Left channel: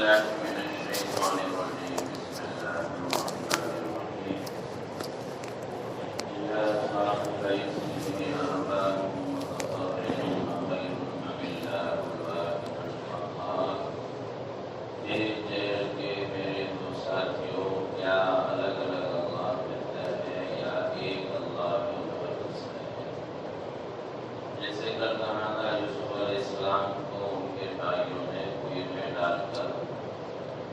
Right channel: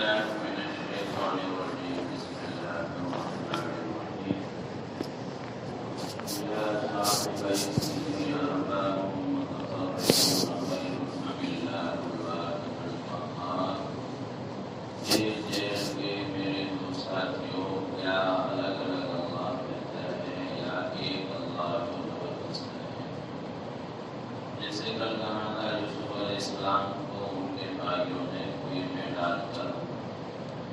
بالله من الشيطان الرجيم. بسم الله الرحمن الرحيم. يا صاحبي السجن أرباب متطهرون خير أم الله الواحد القهار. کے میرے دو ساتھیوں، کیا الگ الگ اللہ بہتر ہے یا ایک اللہ مقدس ہے؟ جیسے کل کہا تھا، یوسف علیہ السلام کو ان کے بھائیوں نے کنویں میں ڈال کر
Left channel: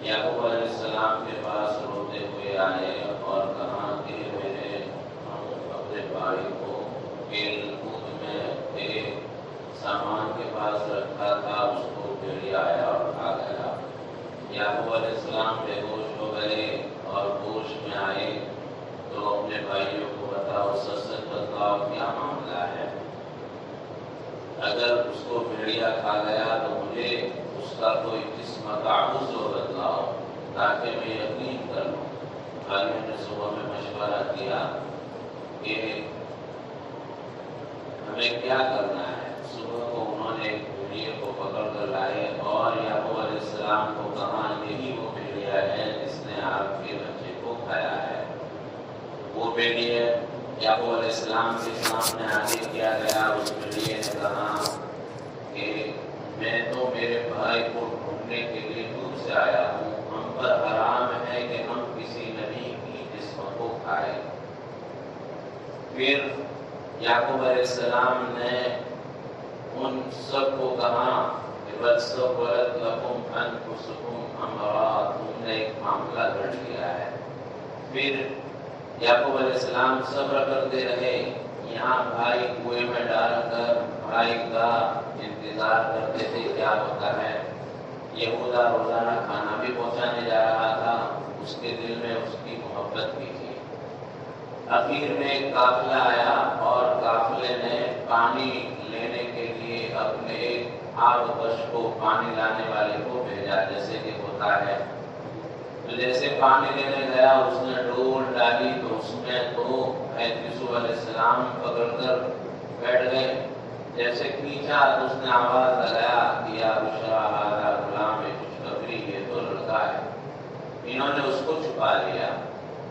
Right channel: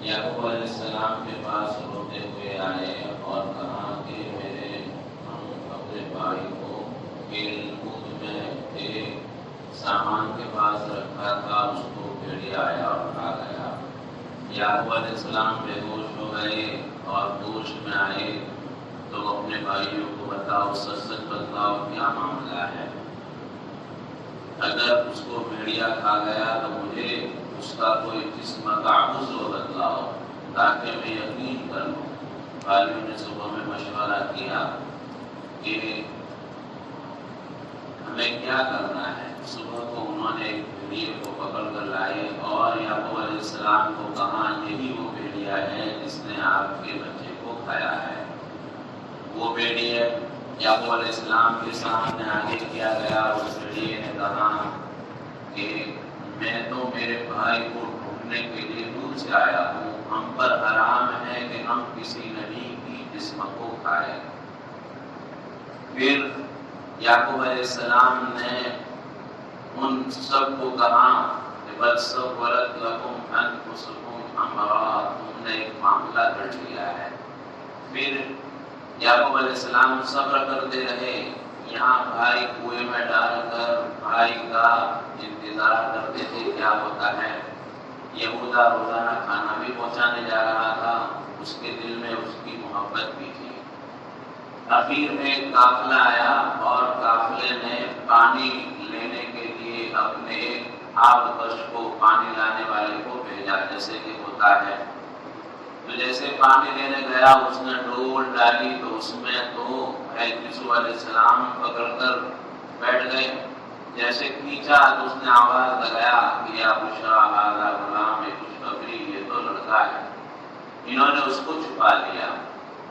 یعقوب علیہ السلام کے پاس روتے ہوئے آئے اور کہا کہ ہم اپنے بھائی کو کھیل کود میں تیرے سامان کے پاس رکھا تھا، اس کو بھیڑیا آیا اور کھا گیا۔ یعقوب علیہ السلام بے ہوش ہو گئے اور ہوش میں آئے تو اپنے بھائیوں کو بتاؤ، سچ سچ بتاؤ کیا معاملہ ہے؟ اگر اس کو بھیڑیا کھا گیا تو مجھے اس کا کوئی قسم کا عذر بتلاؤ تاکہ میں یقین کر لوں۔ بھائیوں نے صبح میں مشورہ کیا کہ ہمیں کیا کرنا ہے۔ صبح کو انہوں نے ایک بھیڑیے کو پکڑ کر لائے اور یعقوب علیہ السلام کو کہا، یہی وہ بھیڑیا ہے جس نے آپ کے بچے کو کھایا ہے۔ وہ بھیڑیے یعقوب علیہ السلام کے سامنے آگے کیا گیا۔ اس بھیڑیے نے کہا کہ میں تو میرے بھائی کو ڈھونڈنے کے لیے دور سے آیا ہوں، ہم پر حرام ہے کہ ہم کسی نبی کی جسم کو کھائیں۔ پھر یعقوب علیہ السلام نے ان سب کو کہا کہ بس ولد لکم انفسکم امرا، تم نے ایک معاملہ گھڑ لیا ہے۔ پھر یعقوب علیہ السلام صبر کرتے رہے، یہاں بھائی کنویں میں ڈال کر بھائی کا انتظار کرتے تھے کیا ہوتا ہے۔ یہودا روزانہ کھانا بھی پہنچانے جا رہا تھا، اس کے دل میں اس کی محبت بھی تھی۔ اخیر میں ایک قافلہ آیا اور قافلے نے پانی لینے کے لیے اپنے ایک آبکش کو، پانی لانے والے کو بھیجا، جیسے کہ ہوتا ہے۔ تو جیسے پانی لینے گیا، اس نے ڈول ڈالی تو اس میں تو یوسف علیہ السلام پکڑ کر بیٹھ گئے۔ جیسے کھینچا تو اس نے آواز لگایا کہ یا بشرا ھذا غلام، خوشخبری، یہ تو لڑکا ہے۔ انہوں نے اس کو چھپا لیا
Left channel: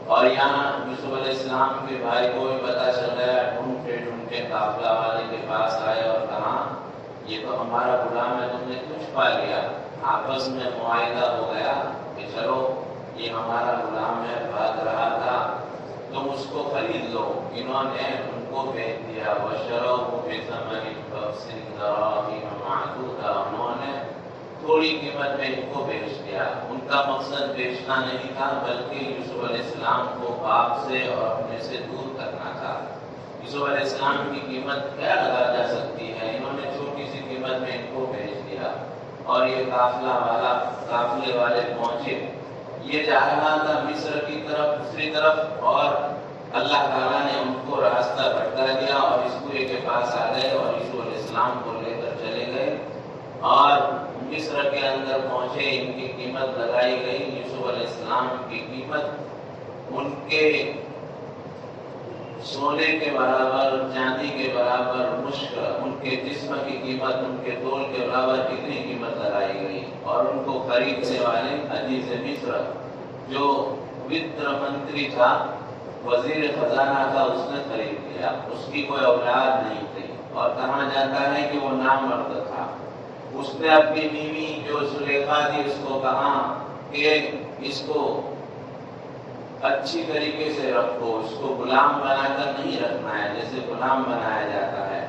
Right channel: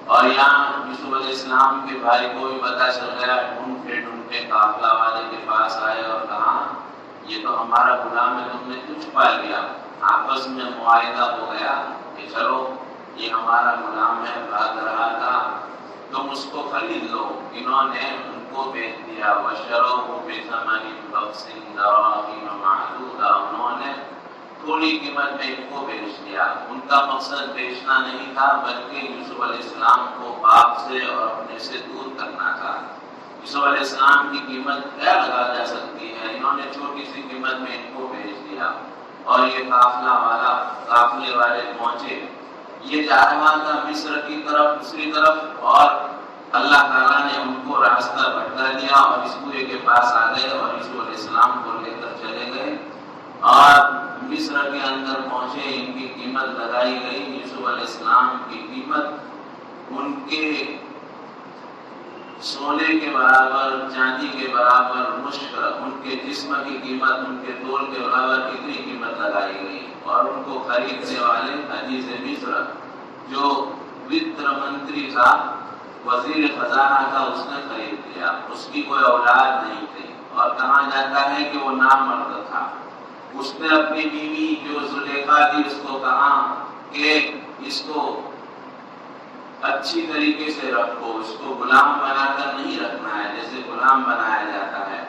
اور یہاں یوسف علیہ السلام کے بھائی کو بھی پتہ چل گیا۔ ڈھونڈتے قافلہ والے کے پاس آئے اور کہا، یہ تو ہمارا غلام ہے، تم نے کیوں چھپا لیا؟ آپس میں معاہدہ ہو گیا کہ چلو یہ ہمارا غلام ہے، بھاگ رہا تھا، تم اس کو خرید لو۔ انہوں نے ان کو بیچ دیا۔ وَشَرَوْهُ بِثَمَنٍ بَخْسٍ دَرَاهِمَ مَعْدُودَةٍ، انہوں نے تھوڑی قیمت میں ان کو بیچ دیا۔ ان کا مقصد بیچنا نہیں تھا بلکہ یوسف علیہ السلام کو باپ سے اور اپنے سے دور کرنا تھا۔ یوسف علیہ السلام کی قیمت کیا لگا جا سکتی ہے، انہوں نے چھوٹی سی قیمت میں ان کو بیچ دیا۔ اور یہ قافلے والے پہنچے، یہ جا رہا تھا مصر کی طرف، دوسری طرف، اور اللہ تعالیٰ نے ان کو راستہ بھٹکا دیا اور اس کنویں کے پاس آ گئے اور یوسف علیہ السلام کو لے کر چلے گئے اور مصر کے اندر پہنچے۔ ان کی قیمت لگائی گئی، یوسف علیہ السلام کی قیمت ان کے سونے کے برابر، چاندی کے برابر، مشک ان کے جسم کی قیمت، ان کے تول کے برابر اتنی قیمت لگائی گئی۔ اور ان کو خریدنے والے عزیز مصر جو وزیر منتری تھا، وزیر خزانہ تھا، اس نے خرید لیا۔ اس کی کوئی اولاد نہیں تھی اور کہا جاتا ہے کہ وہ نامرد تھا۔ اس نے اپنی بیوی جو زلیخا تھی اس کو کہا کہ اس کو اچھی طریقے سے رکھو، اس کو غلام بنا کر نہیں رکھنا ہے جیسے غلام بنایا جاتا ہے،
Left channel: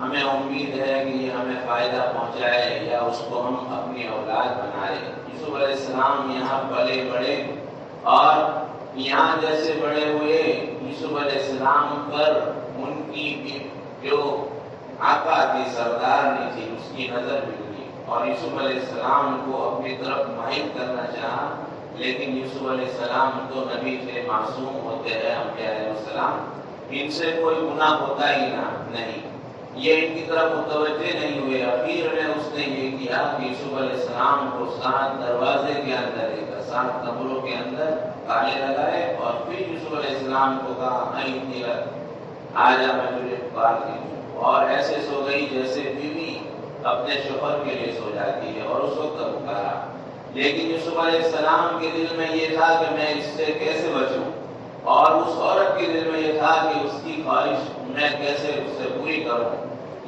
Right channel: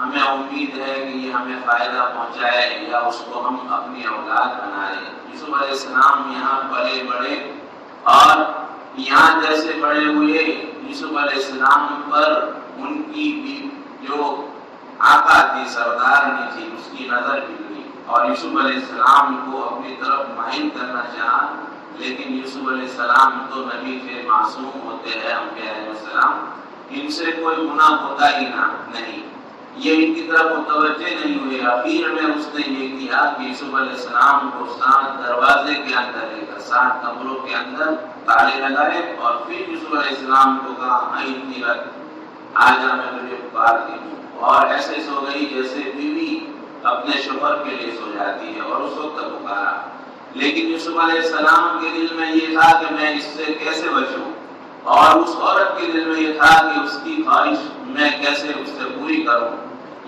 ہمیں امید ہے کہ یہ ہمیں فائدہ پہنچائے یا اس کو ہم اپنی اولاد بنائے۔ یوسف علیہ السلام یہاں پلے بڑے اور یہاں جیسے بڑے ہوئے، یوسف علیہ السلام پر ان کی جو آقا تھی، سردار بھی تھی، اس کی نظر بھی ہوئی اور یوسف علیہ السلام کو اپنی طرف مائل کرنا چاہا۔ لیکن یوسف علیہ السلام تو نبی تھے، معصوم ہوتے ہیں انبیاء علیہ السلام، ان سے کوئی گناہ ہوتا ہی نہیں، یہ ان کی طرف متوجہ نہیں ہوئے۔ اخیر میں اس نے یہ کیا کہ یوسف علیہ السلام کو 7 دروازے کے اندر لے کر 7 کمروں کے اندر تالے لگائے اور پھر یوسف علیہ السلام کو کہا، آجا میں تجھے پکارتی ہوں، اور ایسے سو گئی جیسے بیوی اپنے شوہر کے لیے سو جاتی ہے، اور اس وقت پکارا۔ لیکن یوسف علیہ السلام کے دل میں یہ تھا کہ میں اس سے کیسے بچوں، اور اس عورت کے دل میں یہ تھا کہ اس کی خواہش میں کیسے اس سے پوری کروں۔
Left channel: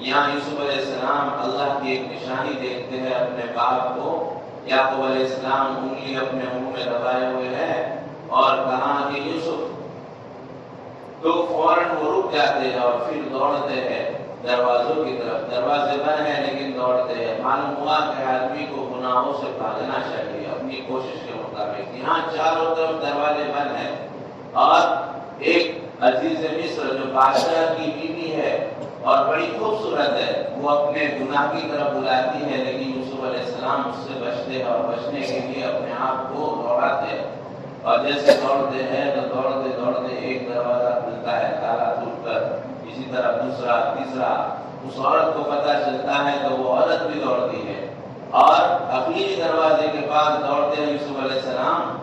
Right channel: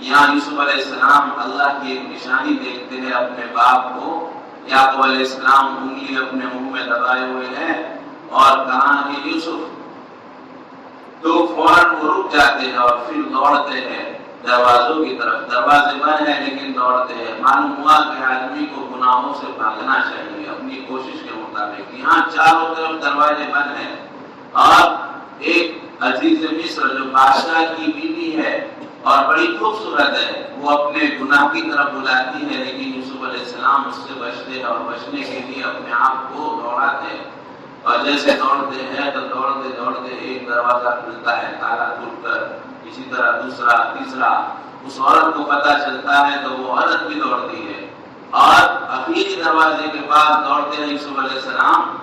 یہاں یوسف علیہ السلام اللہ کی ایک نشانی دیکھتے ہیں اپنے باپ کو۔ یعقوب علیہ السلام انگلی اپنے منہ میں دبائے ہوئے ہیں اور کہا کہ یوسف، تو فوراً وہ رک جاتے ہیں اور پھر دوڑتے ہیں دروازوں کی طرف۔ دروازے بند ہیں لیکن دوڑتے ہیں۔ معلوم ہوا کہ آدمی کو گناہوں سے بھاگنا چاہیے اپنی کوشش کے مطابق۔ یہاں چاروں طرف دروازے بند ہیں اور ایک عزیز مصر جو بادشاہ کی بیوی ہے اور بڑی خوبصورت ہے، وہ اپنے گناہ کی طرف بلاتی ہے، لیکن یوسف علیہ السلام اس سے بچتے ہیں اور بچنے کے لیے اپنے آپ کو دوڑاتے ہیں۔ اور جیسے دوڑتے ہیں تو دوڑتے دوڑتے ایک دروازہ کھلتا ہے تالا ٹوٹ کر، اسی طرح دوسرا تیسرا۔ اس عورت کو پتہ چلتا ہے تو وہ عورت بھی دوڑتی ہے اور آخری دروازے کے پاس دوڑتے ہیں یوسف علیہ السلام،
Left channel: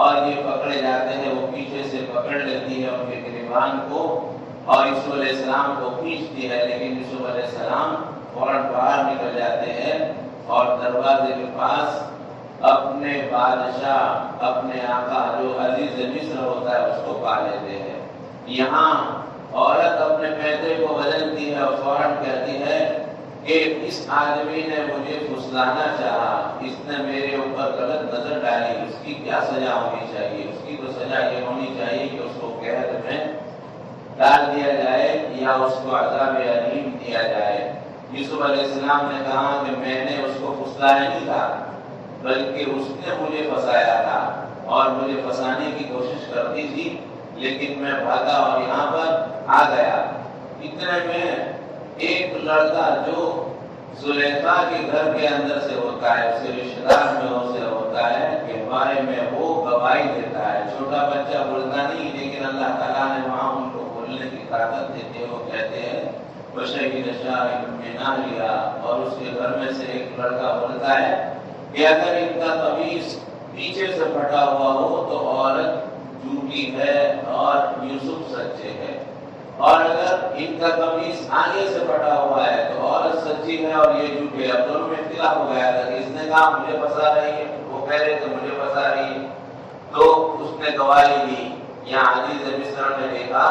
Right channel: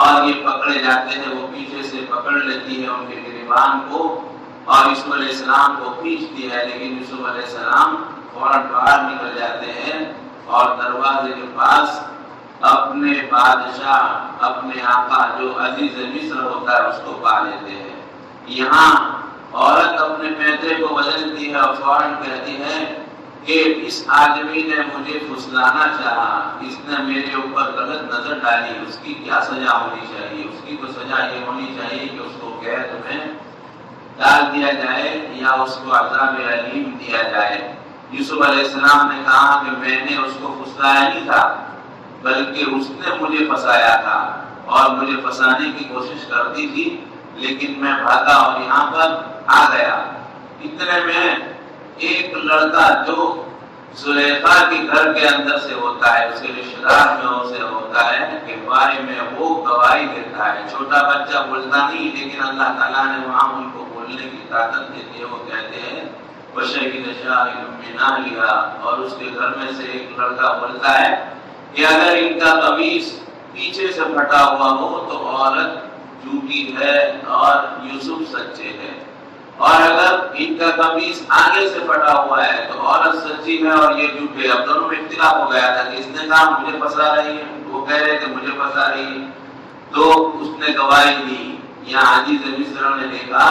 اور یہ پکڑے جاتے ہیں۔ وہ پیچھے سے پکڑ لیتی ہے ان کے گریبان کو اور یوسف علیہ السلام کو کھینچتی ہے، لیکن یوسف علیہ السلام فوراً باہر نکل جاتے ہیں اور دروازے کے پاس اپنے بادشاہ، اپنے آقا جو عزیز مصر ہوتا ہے، اس کو پا لیتے ہیں۔ یہاں عورت اپنے پیدے کو بدلتی ہے اور فوراً کہتی ہے کہ اس آدمی نے مجھے پھسلانا چاہا، اس نے میرے اوپر غلط نظر ڈالی، اس کی کیا سزا ہونی چاہیے؟ اس کی تو سزا یہ ہونی چاہیے کہ اس کو قید میں ڈال دیا جائے یا اس کو عذاب علیم دیا جائے۔ یوسف علیہ السلام نے کہا کہ میں نے اس کو پھسلایا نہیں تھا، بلکہ اس نے مجھے پھنسایا تھا اور مجھے پھنسانے کی کوشش کرتی تھی، لیکن میں بھاگا اور یہاں پر آ گیا۔ اتنے میں ایک لڑکا جو زلیخا کے گھر کے اندر سے ہوتا ہے، اس کے رشتہ دار میں سے ہوتا ہے، کے بارے میں وہ گواہی دیتا ہے۔ چھوٹا بچہ بولتا نہیں، لیکن اللہ تعالیٰ نے وہاں ان کو بولنے کی طاقت دیتے ہیں۔ وہ کہتے ہیں وَشَهِدَ شَاهِدٌ مِّنْ أَهْلِهَا، اور اس کے گھر میں سے ایک لڑکا بولتا ہے کہ اگر ان کا قمیص پیچھے سے پھٹا ہوا ہو تو عورت جھوٹی ہے اور یوسف سچے ہے، اور اگر ان کا قمیص آگے سے پھٹا ہوا ہے تو عورت سچی ہے اور یہ جھوٹے ہے۔ اب دونوں میں اختلاف ہو گیا تھا کہ اس نے کہا مجھے پھنسا رہی ہے، وہ کہہ رہے تھے مجھے پھنسا رہی ہے، تو اس نے گواہی دی۔ یہاں عزیز مصر نے دیکھا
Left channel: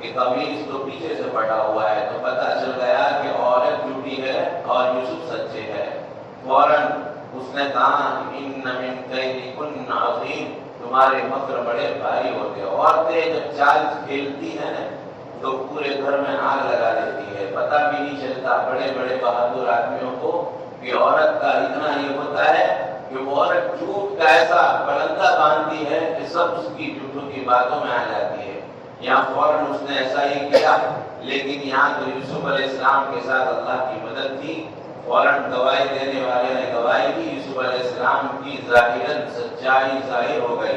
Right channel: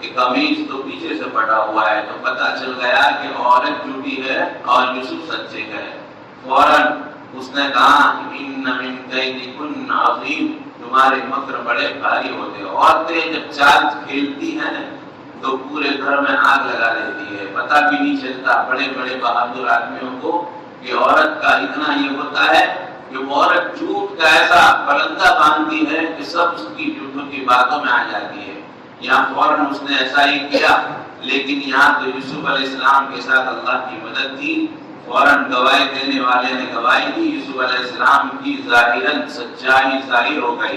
کہ قمیص تو پیچھے سے پھٹا ہوا ہے، تو پتہ چل گیا کہ عورت جھوٹی ہے اور یوسف سچے ہے۔ فوراً اس نے کہا ان من کیدکن عظیم، تمہارے مکر بڑے بھاری ہوتے ہیں۔ عورتیں جب چال کھیلتی ہیں تو پورے گھر میں آگ لگا دیتی ہے، پتہ بھی نہیں چلتا بڑے بڑے بہادر آدمیوں کو کہ عورت کا اتنا یہ ہوتا ہے کہ وہ عورت جھوٹ کا ایسا پرندہ باندھتی ہے کہ سب اس کی جھوٹوں کی باتوں میں آ جاتی ہے۔ یہاں فوراً اس نے ایسا ہی کیا، لیکن یہاں تو یوسف علیہ السلام کے ساتھ اللہ کی مدد تھی۔ فوراً گواہی دینے والے نے گواہی دی، یوسف علیہ السلام کی ظاہراً سچائی ظاہر ہو گئی،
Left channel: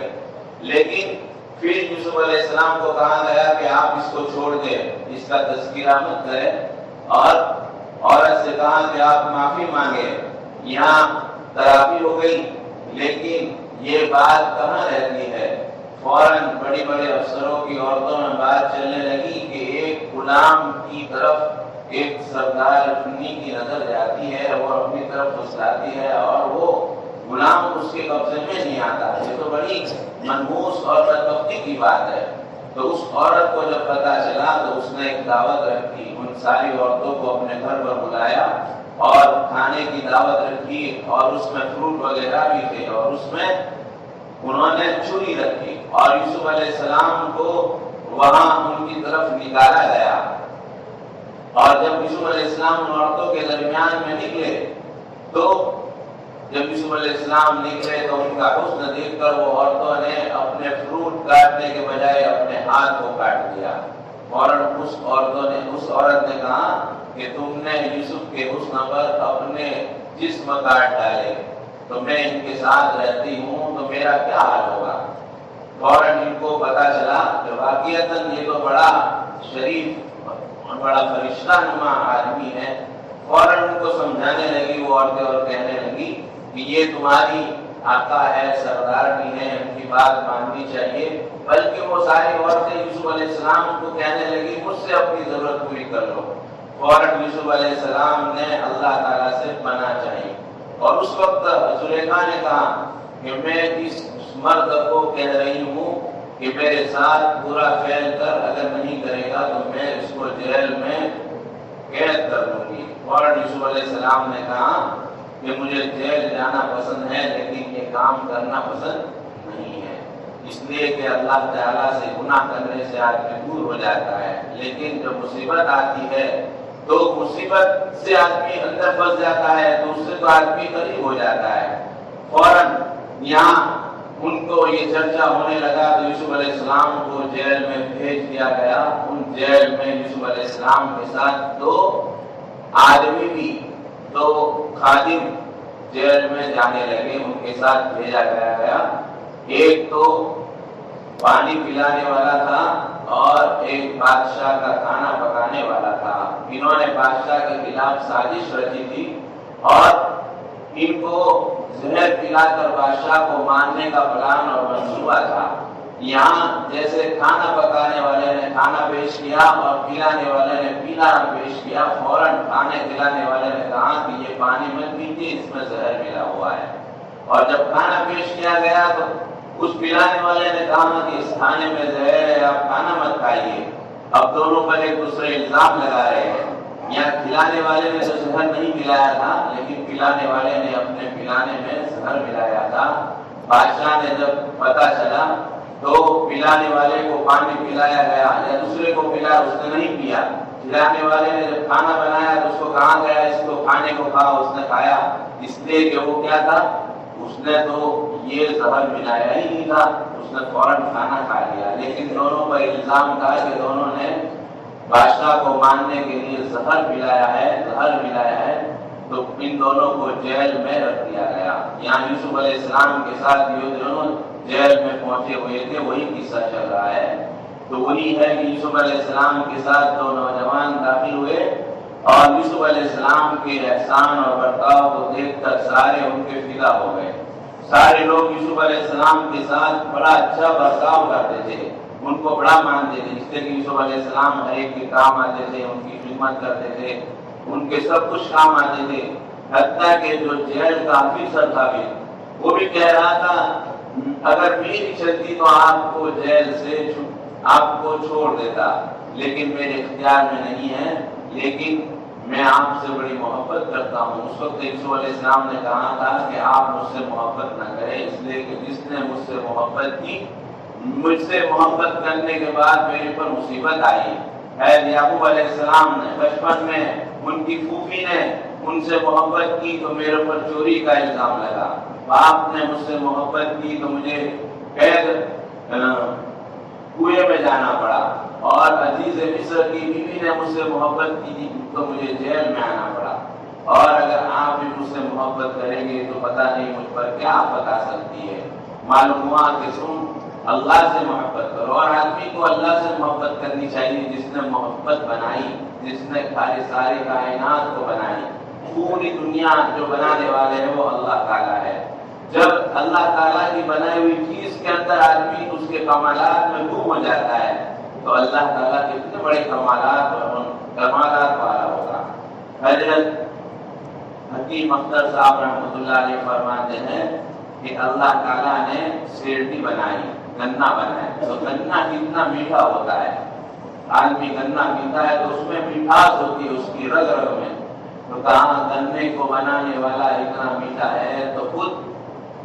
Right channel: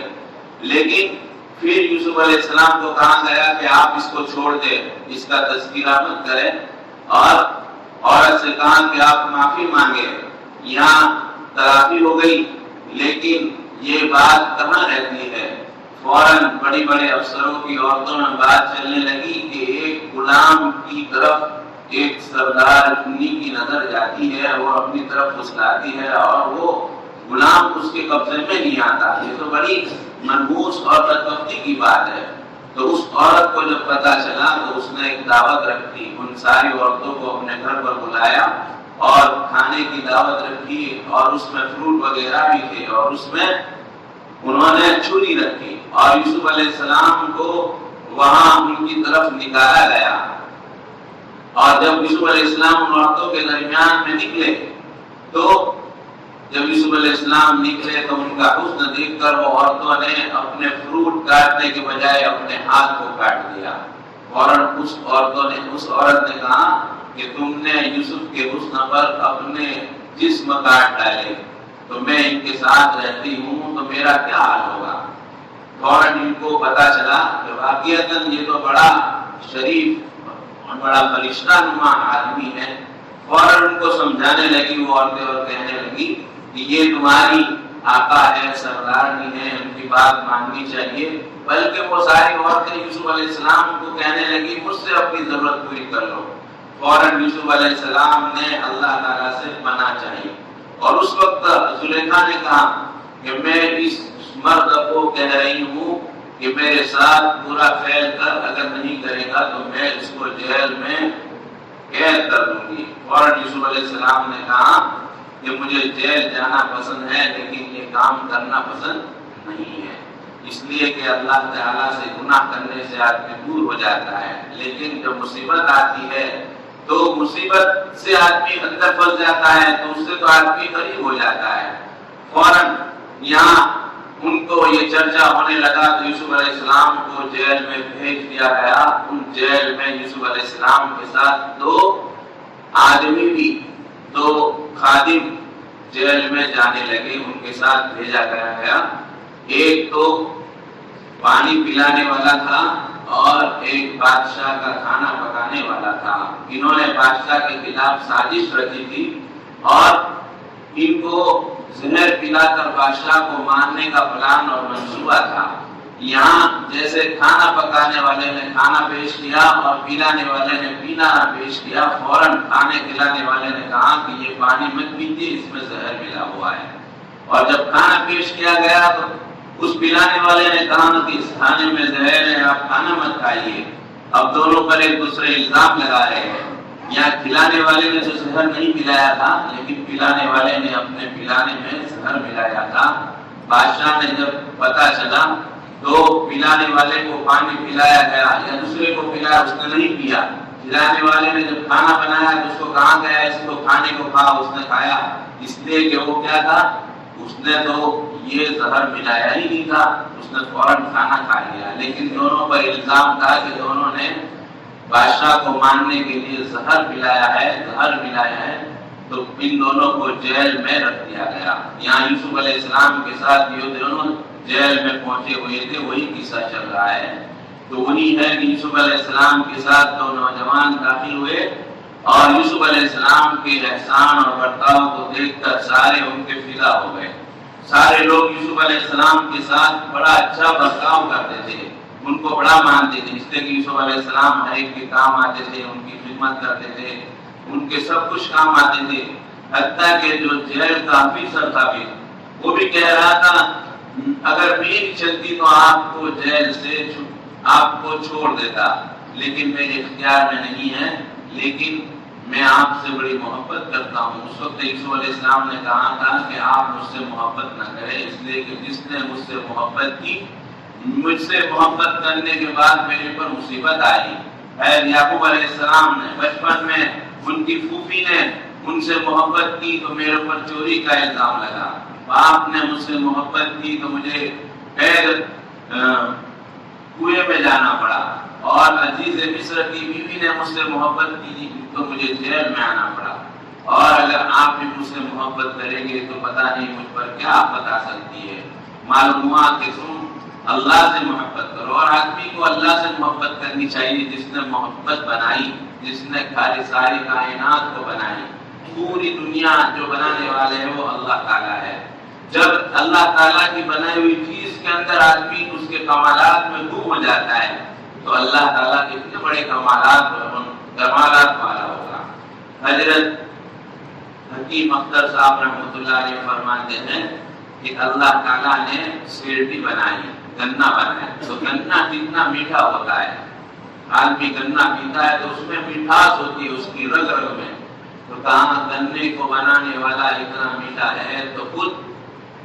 لیکن پھر یوسف علیہ السلام کو کہا گیا کہ آپ اس کو چھوڑ دیں، اس کا تذکرہ مت کریں، اور عورت سے کہا کہ آپ معافی مانگے۔ یہاں ترافی ہو گئی، لیکن یہ بات کہاں رہتی ہے؟ فوراً بڑی بڑے افسروں کی عورتوں میں بات چلنے لگی کہ ایک غلام کی طرف ایک سردار چنی کی نظر جاتی ہے، وہ اپنی طرف پھسلاتی ہے اور وہ غلام اس کے قبضے میں نہیں آتا۔ یہ تو بڑی منحوس اور بدبختی کی بات ہے۔ تو اس عورت کو جب پتہ چلا تو اس نے ایک دعوت رکھی، ان ساری عورتوں کو اپنے گھر پر بلایا اور کھانے کی دعوت رکھی، اور اس میں فروٹ وغیرہ بھی تھے، اور اس میں انہوں نے چھری رکھی، اور یوسف علیہ السلام کو وہاں ان کی طرف نکالا گیا۔ اور جب یوسف علیہ السلام ان عورتوں کے درمیان میں نکلے تو جب یوسف علیہ السلام نکلے تو ان کا حسن دیکھ کر وہ عورتوں نے اپنے فروٹ کاٹنے کے بجائے اپنے ہاتھ کو کاٹ دیا۔ فوراً اس عورت نے کہا کہ تم نے یوسف کے حسن پر اپنے جسم کاٹ ڈالے، تو میں ان کے ساتھ رہتی ہوں تو میرا کیا حال ہوگا؟ فوراً ان کو پتا چلا کہ واقعتاً یہ تو بڑا شریف اور بڑا فرشتہ نما آدمی ہے۔ فوراً ان کو سمجھانے لگی وہ عورتیں اور کہنے لگی کہ یہ تمہاری آقا ہے، سردارنی ہے، ان کی بات ماننی چاہیے۔ بلکہ وہ ساری عورتیں یوسف علیہ السلام کو کہنے لگی مجھ سے اپنی ضرورت پوری کر لو۔ فوراً یوسف علیہ السلام نے اللہ تعالیٰ سے پناہ چاہی اور اس وقت زلیخا نے کہا کہ میں اس مرد کو کہہ رہی ہوں کہ میرے ساتھ پورا فعل کر، اگر نہیں کرے گا تو میں اس کو جیل میں قید کر دوں گی۔ اور یوسف علیہ السلام نے کہا کہ مجھے جیل جانا پسند ہے لیکن یہ کام کرنا پسند نہیں ہے، اس لیے کہ اللہ تعالیٰ سے گناہ کرنے سے آدمی دور ہو جاتا ہے، لیکن جب مصیبت آتی ہے تو مصیبت سے آدمی اندر پھنس جاتا ہے تو اس سے تو آدمی قریب ہو جاتا ہے۔ فوراً یہاں ان کو یہ چرچا ہونے لگا تو یوسف علیہ السلام کو جیل میں بھیج دیا گیا۔ ان جیل میں یوسف علیہ السلام کے ساتھ 2 آدمی بھی، 2 خادم جیل میں جانے لگے، ان کے ساتھ بھیجا گیا۔ ایک تو پانی پلانے والا تھا اور ایک بادشاہ کا کھانا پکانے والا تھا۔ انہوں نے بادشاہ کے خلاف سازش رچی تھی اور ان کو زہر پلا کر بادشاہ کو مارنے کا پلان اور منصوبہ تھا۔ یہاں جیسے کھانا پکانے والے نے کھانا پیش کیا اور پلانے والے نے پینا پیش کیا، فوراً کھانے کھلانے والے نے کہا کہ یہ پانی مت پیجیے، اس میں زہر ملا ہوا ہے، اور جب کھانا پیش کیا گیا تو اس پلانے والے نے کہا کہ اس کھانے میں زہر ہے، آپ کھانا مت کھائیے۔ اب دونوں پر ایک دوسرے الزام لگا رہے ہیں۔ یہاں کھلانے والے نے تو زہر نہیں پلایا تھا لیکن پلانے والے نے اپنے پلانے میں زہر ملایا تھا۔ بادشاہ نے جب پتا چلا تو پلانے والے کو پانی پلایا گیا یا دوسرے کو پلایا، اس نے نہیں پیا۔ کھلانے والے نے جب کھانا بنایا تو اس کو کہا گیا اس کو کھانے کو کھا، اس نے کھایا، اس لیے کہ وہ کیا تھا، اس نے تو یہ زہر ملایا ہی نہیں تھا، اس نے فوراً کھانا کھا لیا۔ لیکن دونوں پر الزام تھا کہ دونوں نے بادشاہ کو مارنے کے لیے زہر ملایا ہے، تو ان دونوں کو جیل میں رکھ دیا گیا۔ یہاں یوسف علیہ السلام کے ساتھ یہ دونوں جیل میں پہنچے ہوئے تھے، وہی قصہ چل رہا ہے۔ تو وہی ہے کہ یوسف علیہ السلام کے ساتھ 2 نوجوان داخل ہوئے اور یوسف علیہ السلام کے احسان اور برتاؤ کو دیکھ کر سارے ان کے فدا ہو گئے۔ سارے لوگ یوسف علیہ السلام کے ساتھ بڑا اچھا برتاؤ کرتے تھے، ان کو بڑا مانتے تھے، اس لیے کہ یوسف علیہ السلام ہر ایک کے کام آتے تھے، ان کی خدمت کرتے تھے، ان کے سب کچھ کام آتے تھے۔ حتیٰ کہ جو جیل کا آفیسر تھا بھی، وہ بھی کہہ رہا تھا اگر میری چلتی تو آپ کو جیل سے آپ کو چھوڑ دیتا، لیکن میرے اختیار میں نہیں ہے، لیکن میں آپ سے بڑی محبت کرتا ہوں۔ اس وقت یوسف علیہ السلام نے کہا تھا کہ آپ مجھ سے محبت نہ کریں، اس لیے کہ جس نے مجھ سے محبت کی، مجھ سے محبت کرنے کے بعد میرے پر مصیبت آئی۔ یعقوب علیہ السلام نے بچپن میں ان کی پھوپھی نے ان سے محبت کی تو میرے اوپر چوری کا الزام لگا، باپ نے مجھ سے محبت کی تو مجھے کنویں میں جانا پڑا، اور عزیز مصر کی بیوی نے مجھ سے محبت کی تو مجھے جیل میں آنا پڑا، اور اگر آپ بھی مجھ سے محبت کریں گے تو پتہ نہیں مجھ پر کیا بتا سکتی ہے۔ معلوم ہوا کہ تم اللہ سے محبت کرو، اور آدمی کو اللہ سے محبت کرنی چاہیے جس نے محبت بنائی، جس نے ساری کائنات کو بنائی۔ پوری دنیا جو بنانے والے ہیں وہ اللہ تعالیٰ ہے۔ جب اللہ تعالیٰ کی بنائی ہوئی چیز کے اندر آدمی اس کے کمالات میں گم ہو جاتا ہے تو اللہ تعالیٰ کے اتنے بڑے کمالات والا ہوگا۔ حضرت حکیم اختر صاحب رحمۃ اللہ علیہ فرماتے ہیں کہ اللہ تعالیٰ نے سیرڈی بنائی، گنا بنایا، تو گنا کتنا میٹھا ہوتا ہے، آدمی گنا پیتا ہے تو اس میں مٹھاس ہوتی ہے، اس کی رگ رگ میں، تو کہاں گنے کو بنانے والا اتنا میٹھا ہے تو خود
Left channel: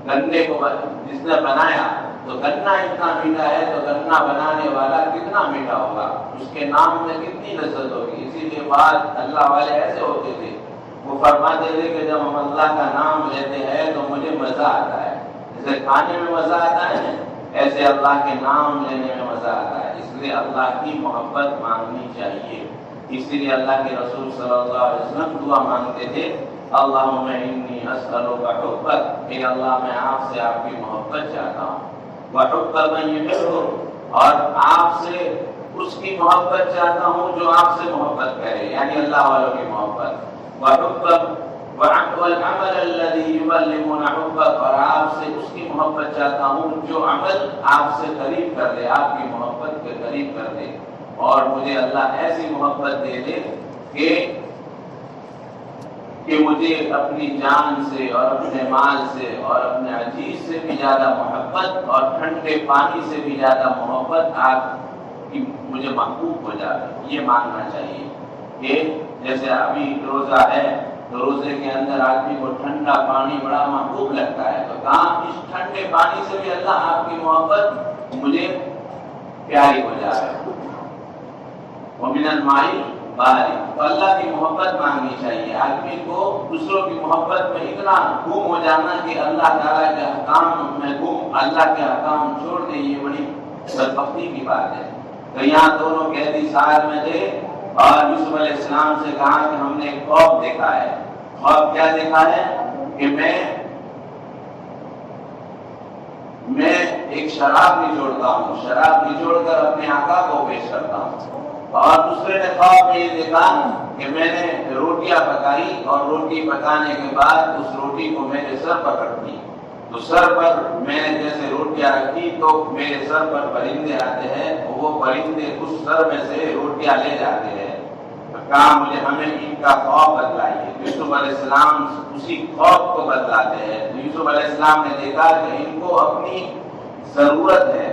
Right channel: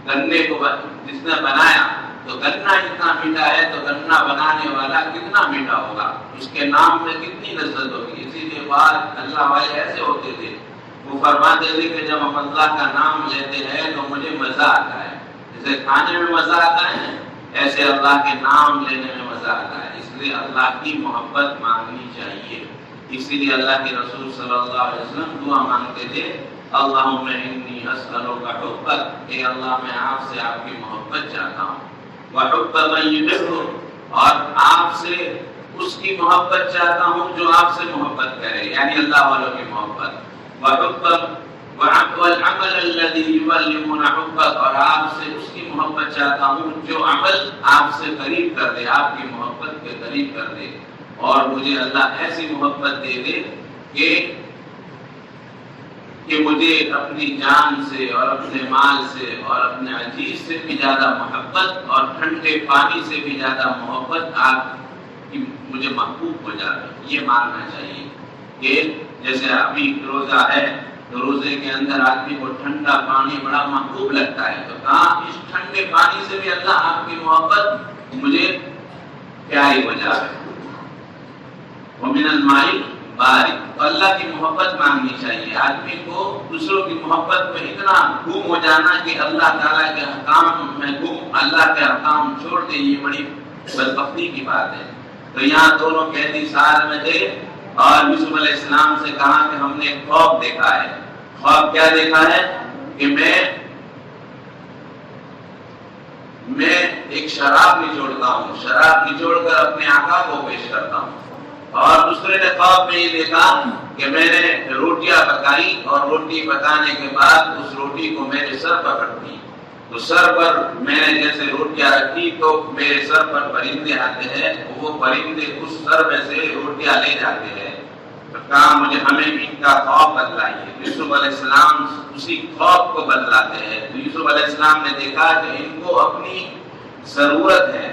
گنے کو جس نے بنایا تو گنا اتنا میٹھا ہے تو گنا بنانے والا کتنا میٹھا ہوگا، اس کے نام میں کتنی لذت ہوگی۔ اسی لیے بات اللہ والے ایسے ہوتے تھے، وہ فرماتے تھے کہ جب ہم اللہ کا نام لیتے ہیں تو مجھے مزہ آتا ہے، جیسے کھانے میں مزہ آتا ہے ایسے اللہ کے نام لینے میں مزہ آتا ہے، اس لیے اللہ کی محبت مانگنی چاہیے۔ اسی لیے اللہ کے رسول صلی اللہ علیہ وسلم دعا مانگتے تھے، اللہم انی اسألک حبک، اے اللہ میں آپ سے آپ کی محبت چاہتا ہوں، وحب من یحبک، اور آپ سے اس کی محبت چاہتا ہوں جو آپ سے محبت کرے، یعنی اللہ والوں کی محبت، وحب والعمل الذی یبلغون حبک، اور آپ سے اس کی محبت چاہتا ہوں جو عمل آپ سے قریب کر دے، آپ کی محبت کے قریب کر دے، اور مجھے اللہ ایسی محبت دے دے کہ کہ مجھے اپنی جان سے اور اپنے مال سے اور اپنے عزیز سے بھی زیادہ محبت اور ٹھنڈے پانی سے بھی زیادہ محبت آپ کی مجھے محبوب ہو جائے. یہ ماننا چاہیے کہ جیسے ابھی روزہ ہے تو روزے کے اندر آدمی کو ٹھنڈا پانی بڑا محبوب لگتا ہے، تو کہاں اس ٹھنڈے پانی سے بھی اللہ آپ کی محبت مجھے پیاری ہو جائے. ومن الماء بارد، تو اللہ کی محبت مانگنی چاہیے. آدمی کو دوسروں کی محبت میں اتنا گم ہو جانا کہ اللہ تعالیٰ کے احکام میں گم، اللہ کے احکام چھوڑ دے، یہ بڑی بدبختی کی بات ہے. تو یہاں دونوں قیدی ساتھ میں تھے اور یوسف علیہ السلام سے کہا کہ ہم نے ایک خواب دیکھا ہے. خواب کیا دیکھا ہے؟ کہ میں ایک شراب نچوڑتا ہوں، شراب نچوڑ کر اپنے آقا کو پیش کرتا ہوں. اور دوسرے نے خواب میں یہ دیکھا کہ میں نے روٹیاں پکائی اور روٹی پکانے کے بعد اس روٹی کو میرے سر پر رکھی. تو سر پر میں نے جیسے روٹیاں رکھی تو میرے سر پر پرندے آتے ہیں، وہ پرندے اس سر میں سے روٹیاں لے جاتے ہیں. کہا مجھے ہمیں ان کا خواب بدلائیے. یوسف علیہ السلام اسی خواب کو بدلاتے ہیں. تو یوسف علیہ السلام نے دیکھا کہ ان کو اپنی ضرورت ہے،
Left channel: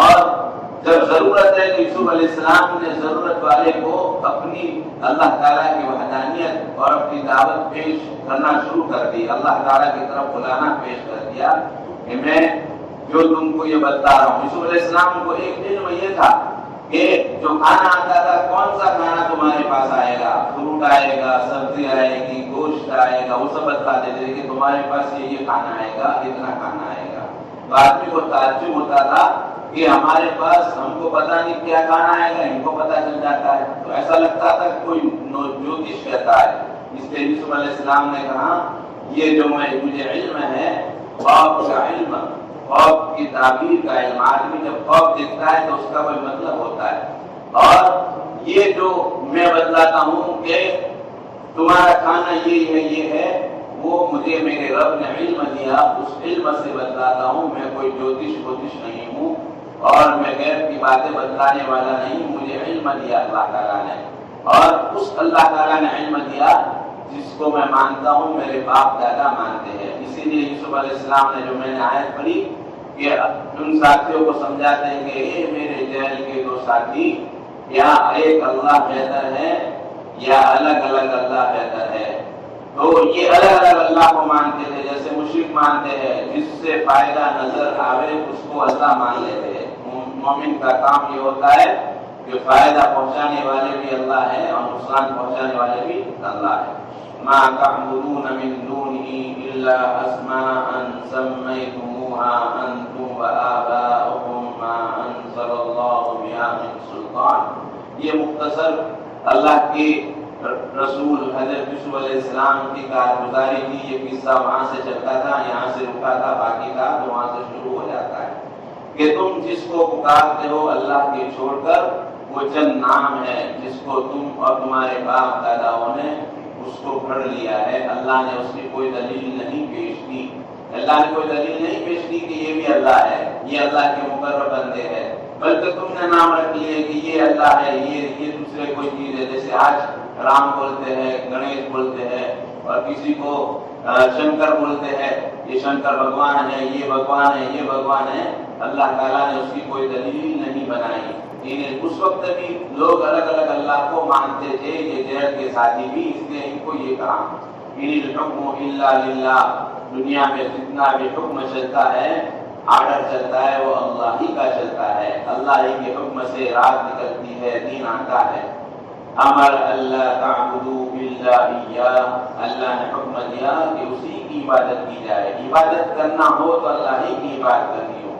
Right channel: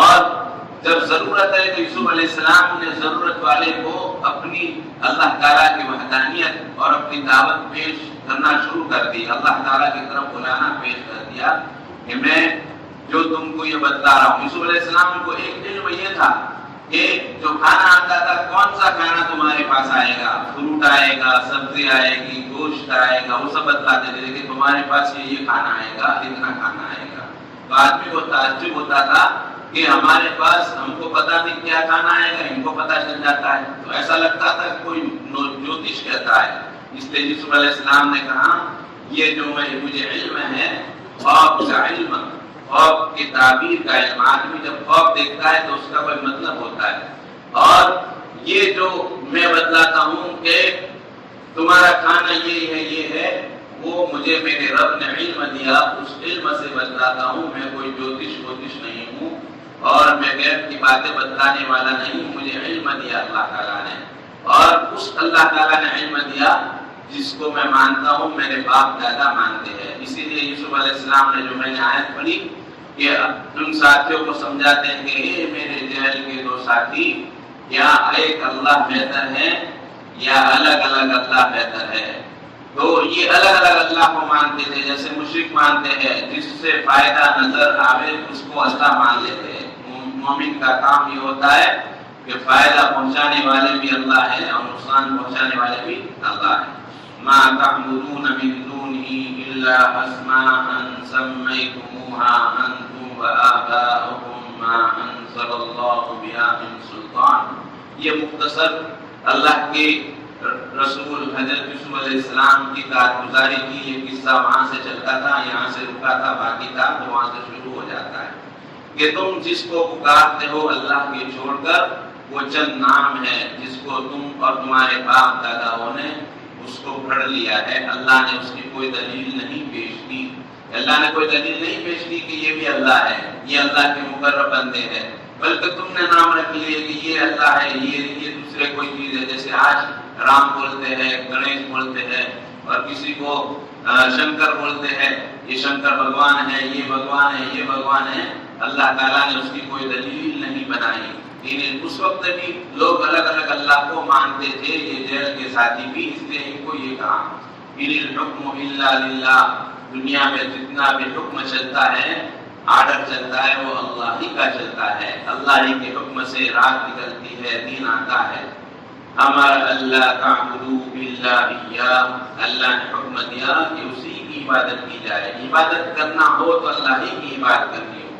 اور جب ضرورت ہے تو یوسف علیہ السلام نے ضرورت والے کو اپنی اللہ تعالیٰ کی وحدانیت اور اپنی دعوت پیش کرنا شروع کر دی. اللہ تعالیٰ کی طرف بلانا پیش کر دیا کہ میں جو تم کو یہ بتلا رہا ہوں. یوسف علیہ السلام کو ایک علم یہ تھا کہ جو کھانا آتا تھا، کون سا کھانا تمہارے پاس آئے گا، فروٹ آئے گا، سبزی آئے گی، گوشت آئے گا، وہ سب بتلاتے تھے کہ تمہارے پاس یہ کھانا آئے گا، اتنا کھانا آئے گا. تو آدمی کو تعجب ہوتا تھا کہ ہمارے پاس ہم کو پتہ نہیں کیا کھانا آئے گا، ان کو پتہ چل جاتا ہے. تو ایسا لگتا تھا کوئی جوتش کہتا ہے. اس لیے یوسف علیہ السلام نے کہا یہ جو مجھے علم ہے، خواب کا علم، خواب کی تعبیر کا علم. آدمی جب خواب دیکھتا ہے تو اس کا کوئی مطلب ہوتا ہے. اور یہ جو میں بتلاتا ہوں کہ تمہارا کھانا یہ ہے، وہ مجھے میرے رب نے علم دیا، اس علم سے بتلاتا ہوں. میں کوئی جوتش نہیں ہوں اور میں غیب کی باتیں بتلانے والا نہیں. مجھے علم دیا اللہ تعالیٰ نے، اور اس اللہ تعالیٰ نے علم دیا جس کو میں مانتا ہوں، میرے باپ دادا مانتے ہیں. اسی لیے یوسف علیہ السلام نے جو میں نے آیت پڑھی کہ ان ساتھیوں کو سمجھاتے ہیں کہ اے میرے جیل کے دو ساتھی، یا ایک اللہ بہتر ہے یا الگ الگ اللہ بہتر ہے. تو یہ الگ الگ اللہ کو مانتے تھے، جیسے مشرک مانتے ہیں جس سے فائدہ نظر آوے اس کو اللہ مان لیتے ہیں. مومن کا کام یہ ہوتا ہے کہ فائدہ پہنچانے والے بھی اللہ ہے اور نقصان پہنچانے والے بھی اللہ ہے. ما تعبدون من دونه الا اسماء سميتموها انتم وآباؤكم ما انزل الله بها من سلطان. یہ مختصر اللہ کے رسول حضرت یوسف علیہ السلام کی کارگزاری کی یہ قصہ وہاں سے چلتا تھا، یہاں سے رکا تھا، باقی تھا تو وہاں سے شروع ہو جاتا ہے کہ تم جس کو پکارتے ہو اللہ کے چھوڑ کر، وہ چند نام ہے جس کو تم اور تمہارے باپ داداؤں نے اس کو پڑھ لیا ہے. اللہ نے اس کی کوئی دلیل نہیں پیش کی. اللہ نے کوئی دلیل نہیں پیش کی کہ یہ بھی اللہ ہے، یہ اللہ کے مقرب بندے ہیں، بلکہ تم نے نام رکھ لیے کہ یہ اللہ ہے، یہ دوسرے کوئی چیز ہے. جیسے آج رام بولتے ہیں، گنیش بولتے ہیں، اور کسی کو شنکر بولتے ہیں، یہ شنکر بھگوان ہے، یہ بھگوان ہے، یہ بھگوان ہے. اللہ تعالیٰ نے اس کی کوئی دلیل نہیں بنائی. اس وقت بھی لوگ الگ الگ اللہ کو مانتے تھے، یہ جیل کے ساتھی بھی، اس لیے ان کو یہ کہا ان الحکم الا للہ. دنیا میں جتنا بھی حکم چلتا ہے، آرڈر چلتا ہے، وہ اللہ ہی کا چلتا ہے. اللہ ہی کے حکم سے رات نکلتی ہے، دن آتا ہے. امر اللہ تعبدوا الا اياه. اللہ نے حکم دیا کہ اسی کی عبادت کی جائے. عبادت کرنا ہو تو اللہ ہی کی عبادت کرنی ہو.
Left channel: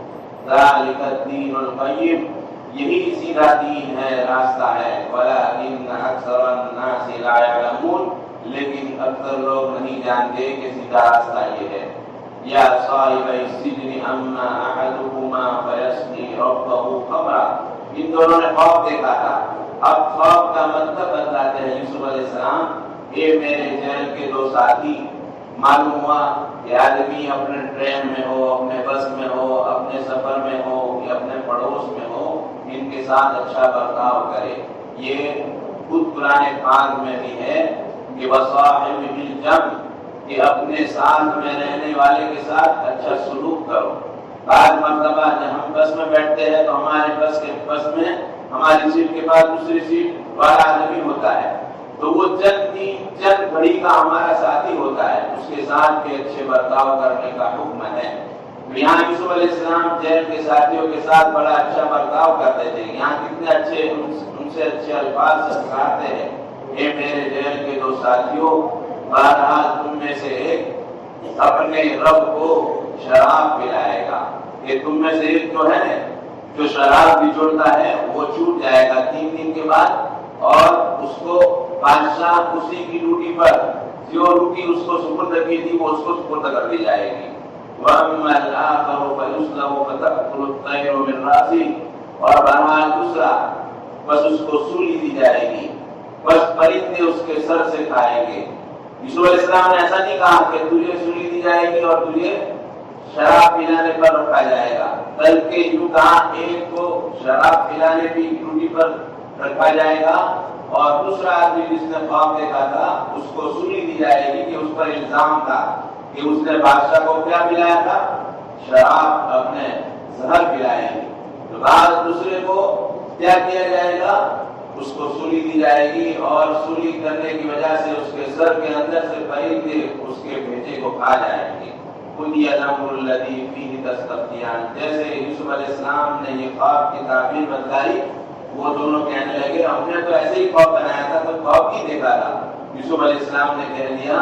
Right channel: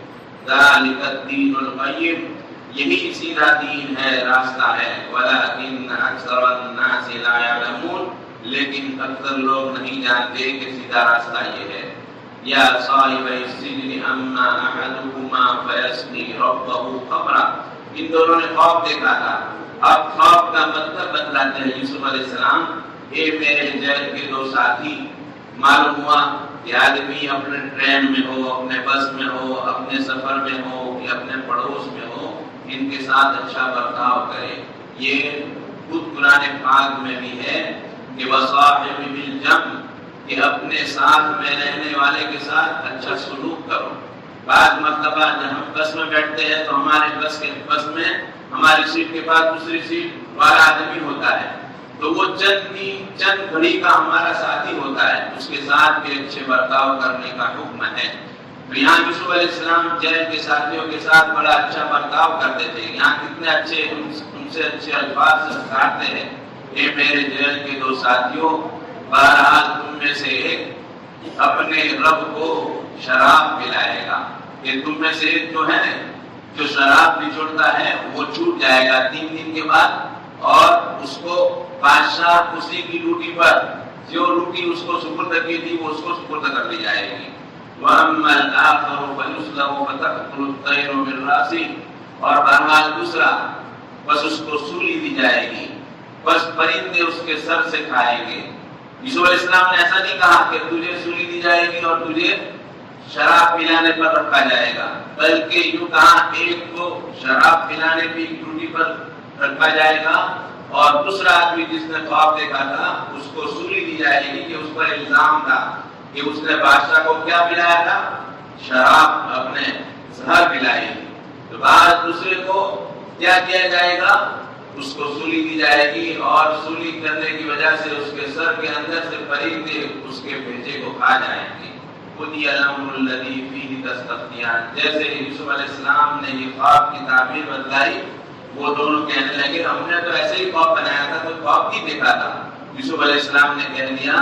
ذالک الدین القیم. یہی سیدھا دین ہے، راستہ ہے. ولکن اکثر الناس لا يعلمون. لیکن اکثر لوگ نہیں جانتے کہ سیدھا راستہ یہ ہے. یا صاحب السجن اما احدهما فيسقي ربه خمرا. ان دونوں نے خواب دیکھا تھا. اب خواب کا مطلب بتلاتے ہیں یوسف علیہ السلام. اے میرے جیل کے دو ساتھی، معلوم ہوا کہ آدمی اپنے ٹرین میں ہو، اپنے بس میں ہو، اپنے سفر میں ہو یا اپنے پڑوس میں ہو، ان کے ساتھ اچھا برتاؤ کرے. یہ خود قرآن پاک میں بھی ہے. کہ وصاحب بالجنب، کہ اپنے ساتھ میں رہنے والے کے ساتھ اچھا سلوک کرو۔ بعض مرتبہ جب ہم بس میں بیٹھتے ہیں تو ہمارے بس میں ہماری سیٹ کے پاس دوسری سیٹ والا آدمی ہوتا ہے، تو وہ چند گھڑی کا ہمارا ساتھی ہوتا ہے، اس کے ساتھ بھی اچھے برتاؤ کرنے کا حکم ہے۔ تو یہاں یوسف علیہ السلام جیل کے ساتھیوں کے ساتھ بڑا اچھا برتاؤ کرتے تھے۔ یہاں کتنے اچھے ان سے اچھے الفاظ سے پکارتے ہیں، اے میرے جیل کے دو ساتھیوں، بہرحال تم میں سے ایک اپنے رب کو شراب پلائے گا، کہ تم میں سے ایک جو ہے جو شراب بچوڑتا ہے وہ چھوٹ جائے گا 3 دن کے بعد، اور اس کو بادشاہ اسی کی ڈیوٹی پر جو روٹی اس کو سپرد کی تھی وہ اس کو سپرد کر دی جائے گی۔ وَأَمَّا الْآخَرُ فَيُسْلَبُ فَتَأْكُلُ الطَّيْرُ مِنْ رَأْسِهِ، اور بہرحال دوسرا بس اس کو سولی دی جائے گی، بس پرندے اس کے سر سے کھائیں گے۔ یوسف علیہ السلام نے ایسا نہیں کہا کہ تجھے سولی دی جائے گی اور تجھے شراب پلانے پر رکھا جائے گا، بلکہ یوں کہا ایک کو شراب پلانے کی ڈیوٹی پر رکھا جائے گا، اور دوسرا آدمی جس نے خواب دیکھا تھا اس کو سولی دی جائے گی، کہ اس پر الزام تھا کہ اس نے بادشاہ کو کیا پلایا تھا، شراب اپنے زہر پلائی۔ تو بعد دوسرے کو کیا کیا جائے گا، اس کو سولی دی جائے گی، اور سولی کرنے کی وجہ سے اس کے سر کے اندر سے پرندے اس کے بھیجے کو کھا جائیں گے۔ قُضِیَ الْأَمْرُ الَّذِی فِیہِ تَسْتَفْتِیَانِ، جیسے یوسف علیہ السلام نے یہ خواب کی تعبیر بتلائی، وہ دونوں کہنے لگے ہم نے تو ایسے ہی خواب بنایا تھا، تو خواب کی دیکھا تھا۔ یوسف علیہ السلام نے کہہ دیا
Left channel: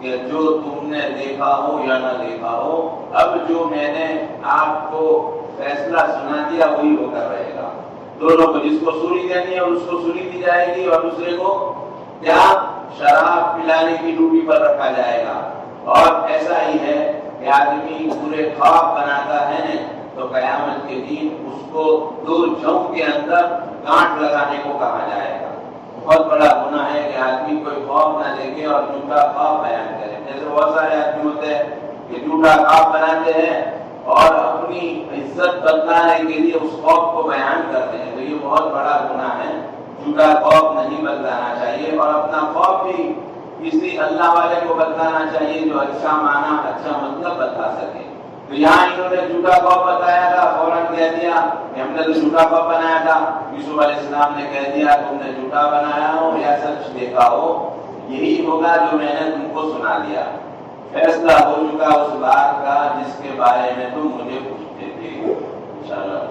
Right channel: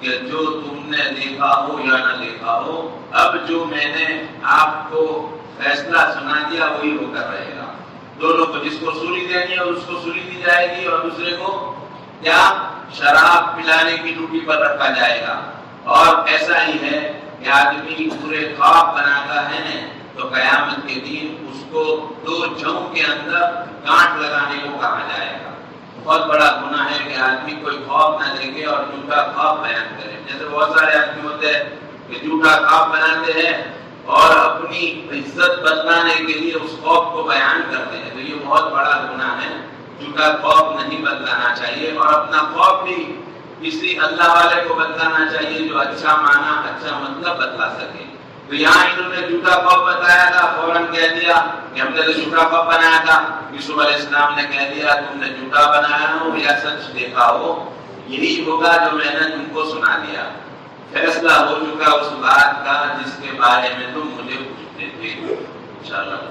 کہ جو تم نے دیکھا ہو یا نہ دیکھا ہو، اب جو میں نے آپ کو فیصلہ سنا دیا وہی ہو کر رہے گا۔ دونوں کو جس کو سولی دینی ہے اس کو سولی دی جائے گی، اور دوسرے کو کیا شراب پلانے کی ڈیوٹی پر رکھا جائے گا۔ اور ایسا ہی ہے کہ آدمی پورے خواب بناتا ہے تو قیامت کے دن اس کو 2 جوں کے اندر گانٹھ لگانے کو کہا جائے گا۔ بہت بڑا گناہ ہے کہ آدمی کوئی خواب نہ دیکھے اور جھوٹا خواب بیان کرے۔ جیسے بہت سارے آدمی ہوتے ہیں کہ جھوٹا خواب بناتے ہیں اور اپنی عزت بچانے کے لیے اس خواب کو بیان کرتے ہیں، تو یہ بہت بڑا گناہ ہے۔ جھوٹا خواب نہیں بتلانا چاہیے، اور اپنا خواب بھی کسی اللہ والے کو بتلانا چاہیے جو اچھا معنی اچھا مطلب بتلا سکے۔ تو یہاں انہوں نے جھوٹا خواب بتایا تھا، فوراً کہہ دیا کہ ہم نے تو جھوٹا خواب بنایا تھا۔ یوسف علیہ السلام نے کہہ دیا تم نے جھوٹا بنایا ہو یا سچ دیکھا ہو، یہی ہوگا جو میں نے تم کو سنا دیا۔ فیصلہ ہو چکا اس بات کا جس کے بارے میں تم مجھے پوچھتے تھے۔ انشاءاللہ